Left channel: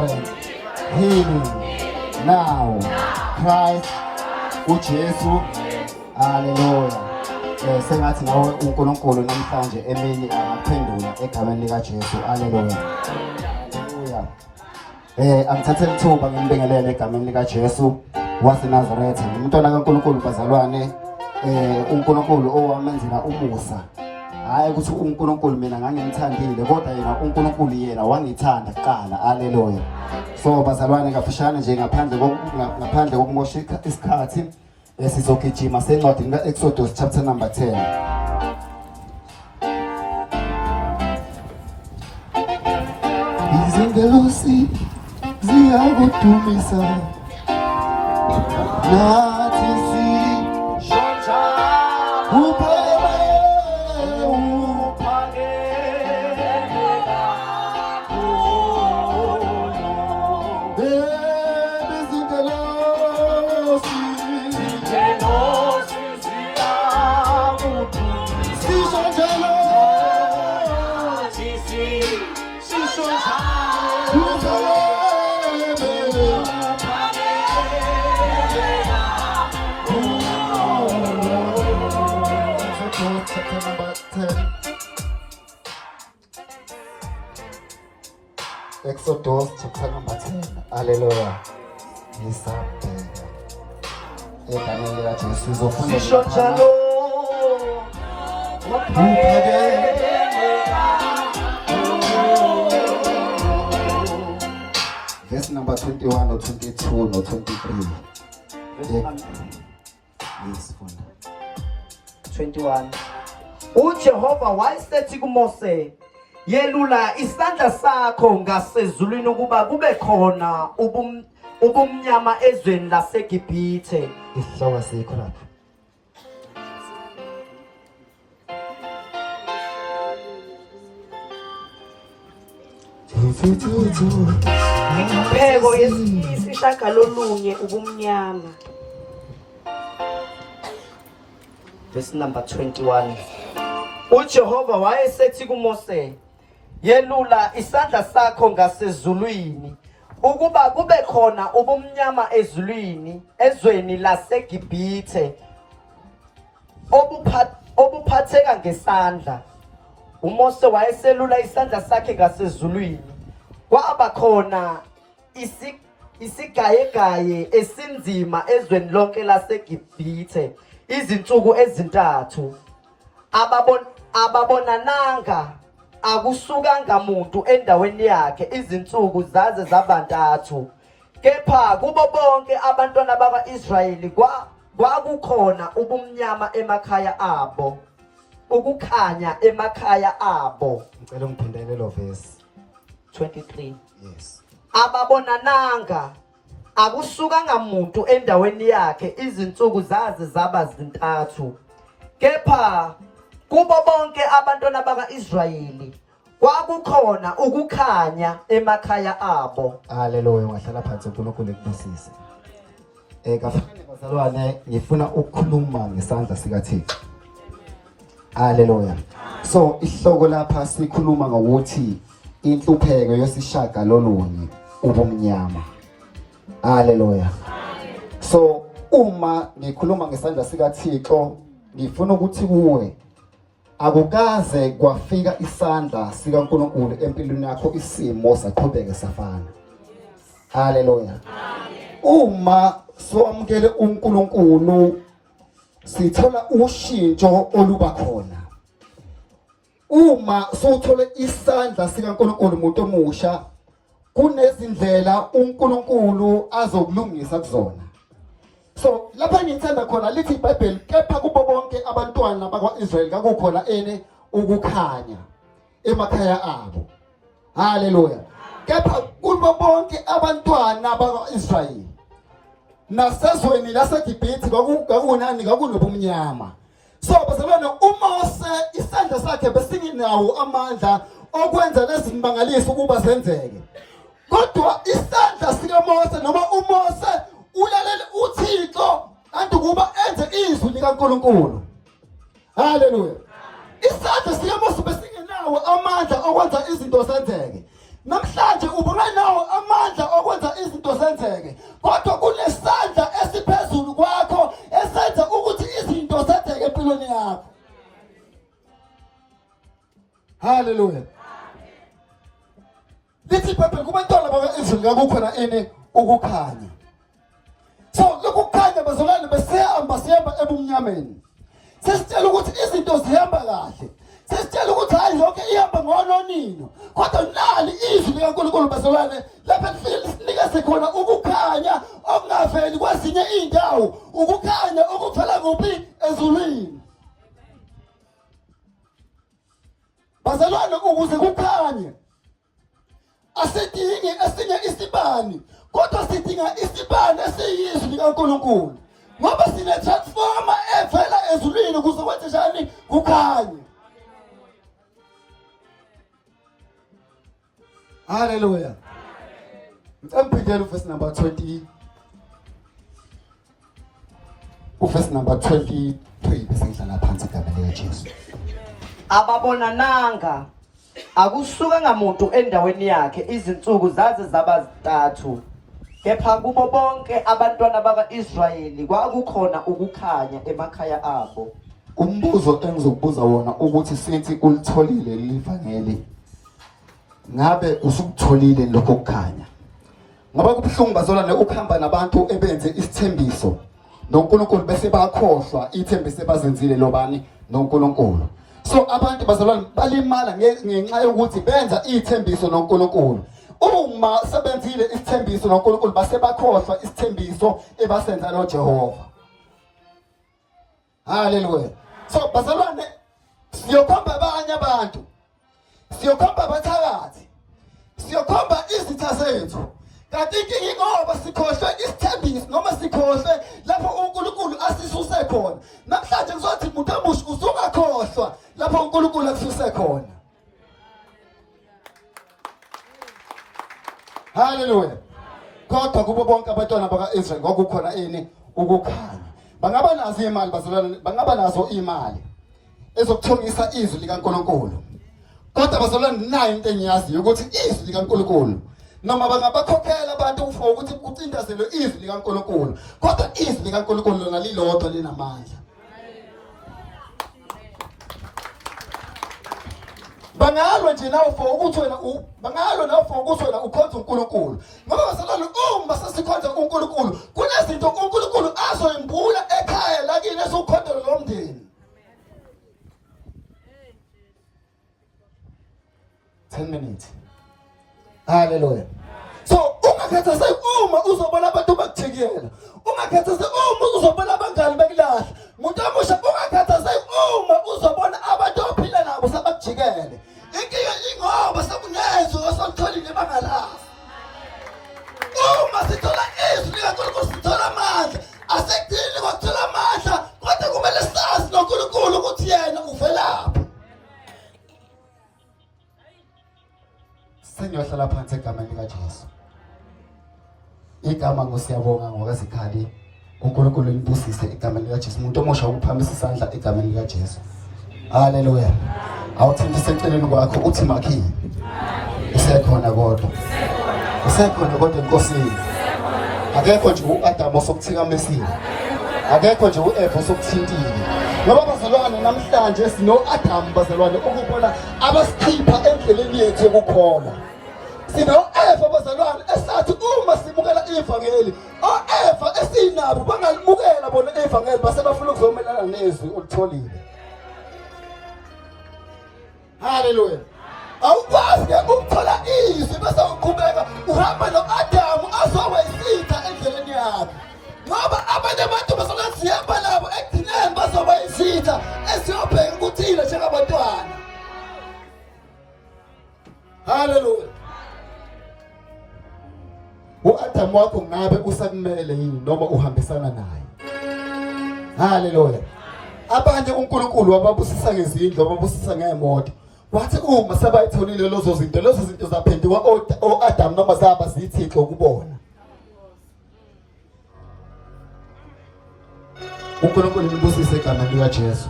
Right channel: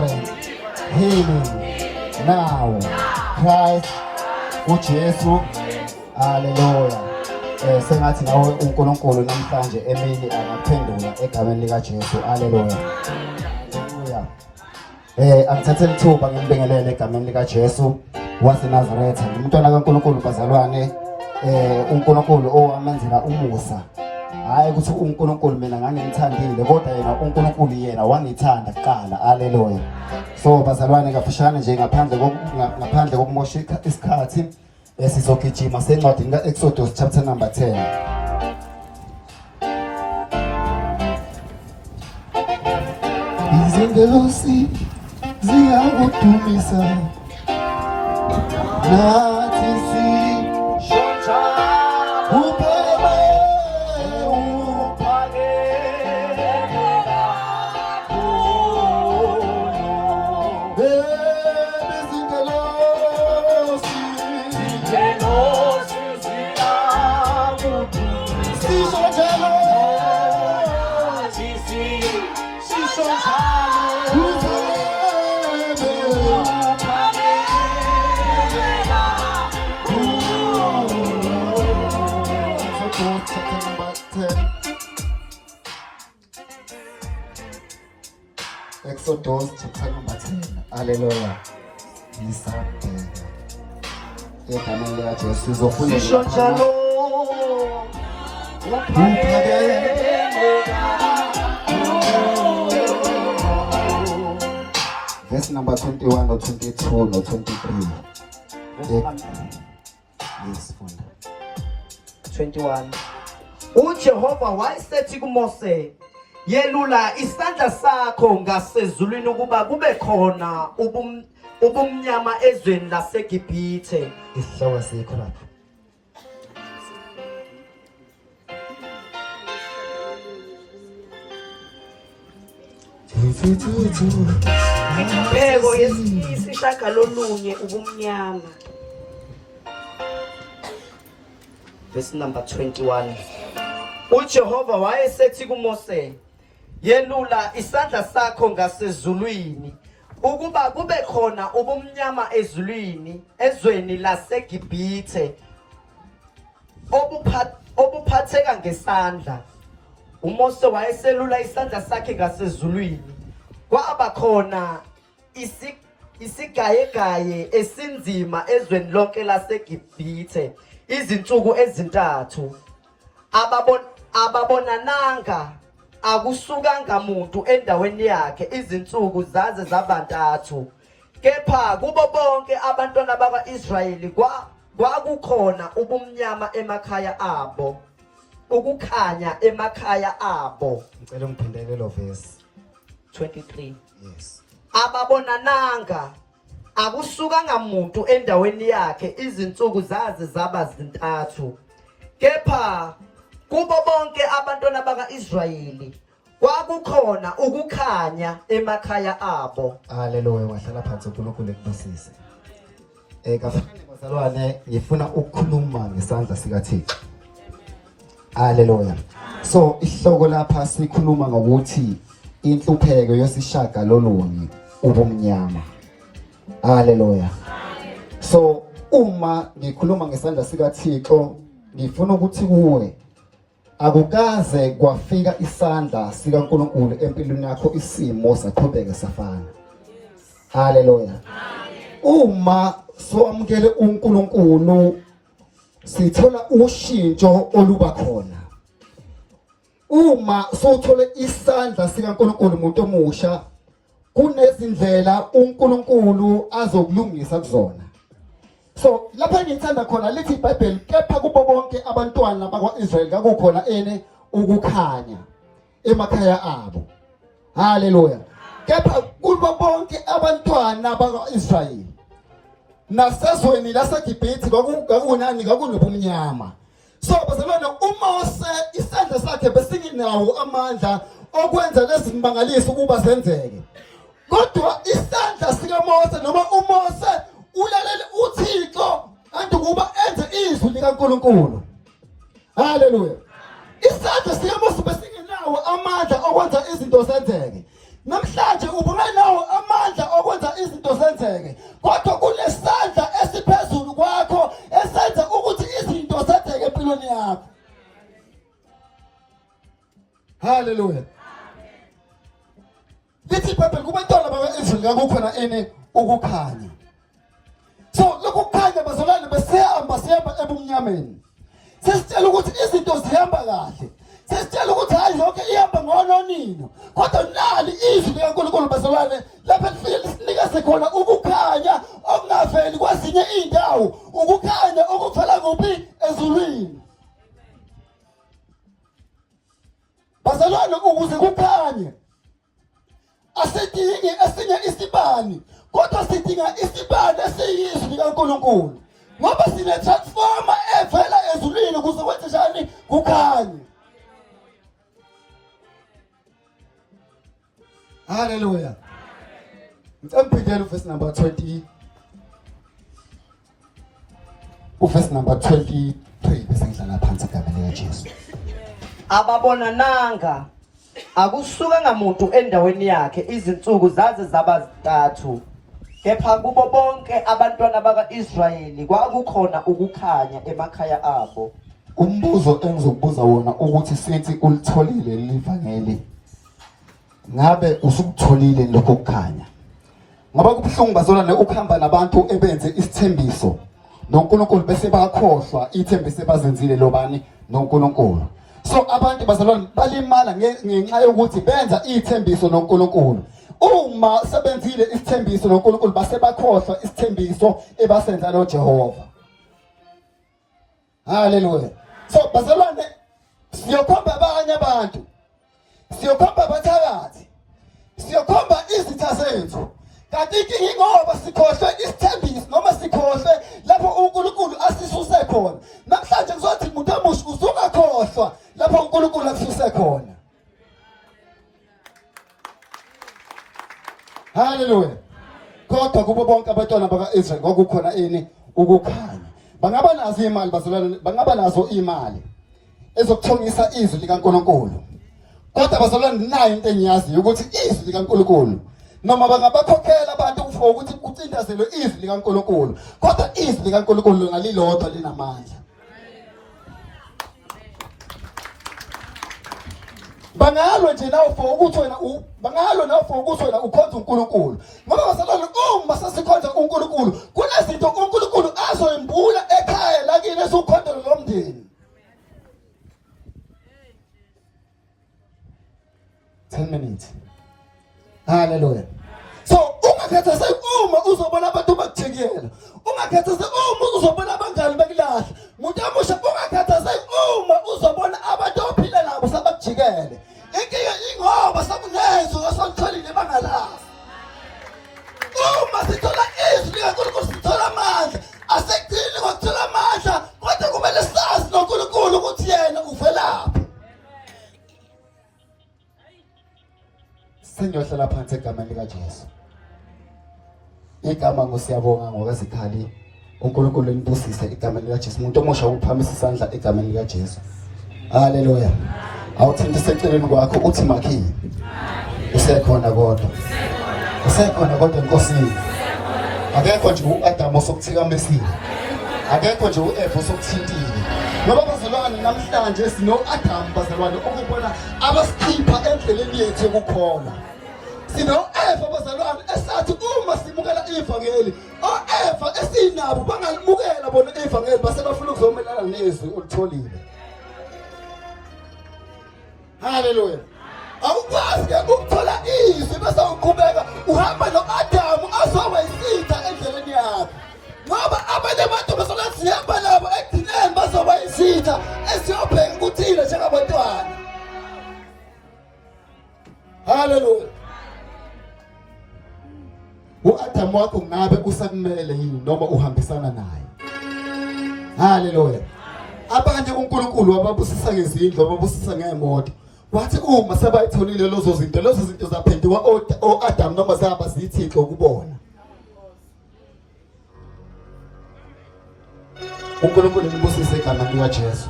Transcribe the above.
deliverance, healing now. Christ uJesu. Hallelujah. Sengathi nawe uNkulunkulu namhlanje emini angaphendula egameni lika Jesu. Hallelujah. Hallelujah. Angithathele ithuba ngibingelele egameni lika Jesu waseNazaretha. Umntwana kaNkulunkulu bazalwane, uNkulunkulu owamenzela umusa. Hayi ukuthi uNkulunkulu mina ngangimthandile kodwa yena uNkulunkulu yena wangithanda kuqala. Hallelujah. So bazalwane kaphishana nje ngaphandle kokumosha isikhathi sizogijima sencwadini kaExodus chapter number 10. Izingelosi ziyakudumisa nathi sishontsha Exodus chapter number 10. Hallelujah. Verse number 21 or 22 or 23. Yes, 21. uJehova wayesethi kuMose, yelula isandla sakho ngasezulwini ukuba kube khona ubumnyama ezweni laseGibhithe. Isihloko sikho lapha. Pheko yesishagalolunye ubumnyama. Verse number 21. uJehova wayesethi kuMose, yelula isandla sakho ngasezulwini ukuba kube khona ubumnyama ezweni laseGibhithe obuphatheka ngesandla. uMose wayeselula isandla sakhe ngasezulwini, kwaba khona isigayegaye esinzima ezweni lonke laseGibhithe izinsuku ezintathu. Ababonananga akusukanga muntu endaweni yakhe izinsuku zaze zabantathu. Kepha kubo bonke abantwana bakwa-Israyeli kwakukhona ubumnyama emakhaya abo, ukukhanya emakhaya abo. Ngicela ngiphindele lo verse 23. Yes. Ababonananga akusukanga muntu endaweni yakhe izinsuku zaze zaba zintathu. Kepha kubo bonke abantwana bakwa-Israyeli kwakukhona ukukhanya emakhaya abo. Hallelujah. Wahlala phansi uNkulunkulu ekubusise. Bazalwane, ngifuna ukukhuluma ngesandla sikaThixo. Hallelujah. So isihloko lapha sikhuluma ngokuthi inhlupheko yesishagalolunye ubumnyama. Hallelujah. So uma ngikhuluma ngesandla sikaThixo, ngifuna ukuthi kuwe akukaze kwafika isandla sikaNkulunkulu empilweni yakho isimo saqhubeka safana. Hallelujah. Uma soamukele uNkulunkulu sithola ushintsho oluba khona. Uma sothole isandla sikaNkulunkulu umuntu omusha, kunezindlela uNkulunkulu azokulungisa kuzona. So lapha ngithanda khona lithi iBhayibheli, kepha kubo bonke abantwana bakwa-Israyeli kwakukhona ukukhanya emakhaya abo. Hallelujah. Kepha kubo bonke abantwana bakwa-Israyeli nasezweni laseGibhithe kwakunobumnyama. So bazalwane, uMose isandla sakhe besinginawo amandla okwenza lezi zimangaliso ukuba zenzeke. Kodwa isandla sikaMose noma uMose ulalele uThixo kanti ukuba enze izwi likaNkulunkulu. Hallelujah. Isandla sikaMose besingenawo amandla okwenza izinto zenzeke. namhlanje ubunganawo amandla okwenza izinto zenzeke, kodwa kunesandla esiphezulu kwakho esenza ukuthi izinto zenzeke empilweni yakho. Hallelujah. Lithi iBhayibheli kubantwana bakwa-Israyeli kwakukhona ini? Ukukhanya. So lokhu kukhanya bazalwane sihamba ebumnyameni. Sesitshela ukuthi izinto zihamba kahle. Sesitshela ukuthi hayi lonke ihamba ngononino. Kodwa nali izwi likaNkulunkulu bazalwane lapha linikeze khona ukukhanya okungaveli kwezinye indawo, ukukhanya okuvela kuphi? Ezulwini. Bazalwane ukuze kukhanye asidingi esinye isibani, kodwa sidinga isibani esiyizwi likaNkulunkulu. Ngoba sine-transformer evela ezulwini ukuze kwenze njani? Kukhanye. Hallelujah. Mphindela verse number 20. Verse number 23 bese ngidlala phansi igama likaJesu. Ababona nanga akusuka ngamuntu endaweni yakhe, izinsuku zaze zaba 3. Kepha kubo bonke abantwana baka-Israyeli kwakukhona ukukhanya emakhaya abo. Umbuzo engizokubuza wona ukuthi sithi ulitholile livangeli, ngabe usukutholile lokho kukhanya? Ngoba kubuhlungu bazalwane ukuhamba nabantu ebenze isithembiso noNkulunkulu bese bakhohlwa ithembiso bazenzile lobani? noNkulunkulu. So abantu bazalwane balimala ngenxa yokuthi benza ithembiso noNkulunkulu. Uma sebenzile isithembiso noNkulunkulu base bakhohlwa isithembiso ebasenza noJehova. Hallelujah. So bazalwane siyokhomba abanye abantu, siyokhomba abathakathi, siyokhomba izitha zethu. Kanti ingoba sikhohlwe isithembiso noma sikhohlwe lapho uNkulunkulu asisuse khona. Namhlanje kuzothi umuntu omusha usungakhohlwa lapho uNkulunkulu akususe khona. Hallelujah. Kodwa kubo bonke abantwana baka-Israyeli kwakukhona ini? Ukukhanya. Bangaba nazo imali bazalwane, bangaba nazo imali ezokuthongisa izwi likaNkulunkulu. Kodwa bazalwane nayo into engiyaziyo ukuthi izwi likaNkulunkulu noma bangabakhokhela abantu for ukuthi kucindezelwe izwi likaNkulunkulu, kodwa izwi likaNkulunkulu lona lilodwa linamandla. Bangalo nje nawo for ukuthi wena bangalo nawo for ukuthi wena ukhonza uNkulunkulu. Ngoba bazalwane uma sesikhonza uNkulunkulu kunezinto uNkulunkulu azoyimbula ekhaya lakini esukhondela lomndeni. 10 minutes. Hallelujah. So ungakhathazeki uma uzobona abantu bakujikela, ungakhathazeki uma uzobona abangani bekulahla. Umuntu omusha ungakhathazeki uma uzobona abantu ophila nabo sebakujikele. Inkinga ingoba sakunezwe osalitholile bangala. Uma sithola izwi likaNkulunkulu sithola amandla. Asekudini ngokuthola amandla, kodwa kumele sazi noNkulunkulu ukuthi yena uvelaphi. Sengiyohlala phansi egameni likaJesu. Igama ngosiyabonga ngokazikhali uNkulunkulu nibusise egameni likaJesu. Umuntu omusha uphakamisa isandla egameni likaJesu. Hallelujah. Awuthintise eceleni kwakho uthi makhi. Usekhona kodwa. Usekhona kodwa enkosini. Akekho nje uAdam osokuthikamesile. Akekho nje uEva osokuthintile. Ngoba bazalwane namhlanje sino-Adam bazalwane ukubona abasikhipha endleleni yethu yokukholwa. Sino-Eva bazalwane esathi uma simukela ivangeli, o-Eva esinabo bangalimukela bona ivangeli base bafuna ukuzomelana nezwi olitholile. Hallelujah. Awukwazi ukuthola izwi bese uqhubeka uhamba no-Adamu azowayisitha endleleni yakhe. Ngoba abanye abantu bazalwane sihamba nabo ekugcineni bazowayisitha esiyobheka ukuthile njengabantwana. Hallelujah. U-Adamu wakho ngabe usakumele yini noma uhambisana naye? Hallelujah. Abanye uNkulunkulu wababusisa ngezindlu, wababusisa ngemoto. Wathi uma sebayitholile lezo zinto zaphenduka o-Adamu noma zaba zithixo ukubona. uNkulunkulu nibusise egameni likaJesu.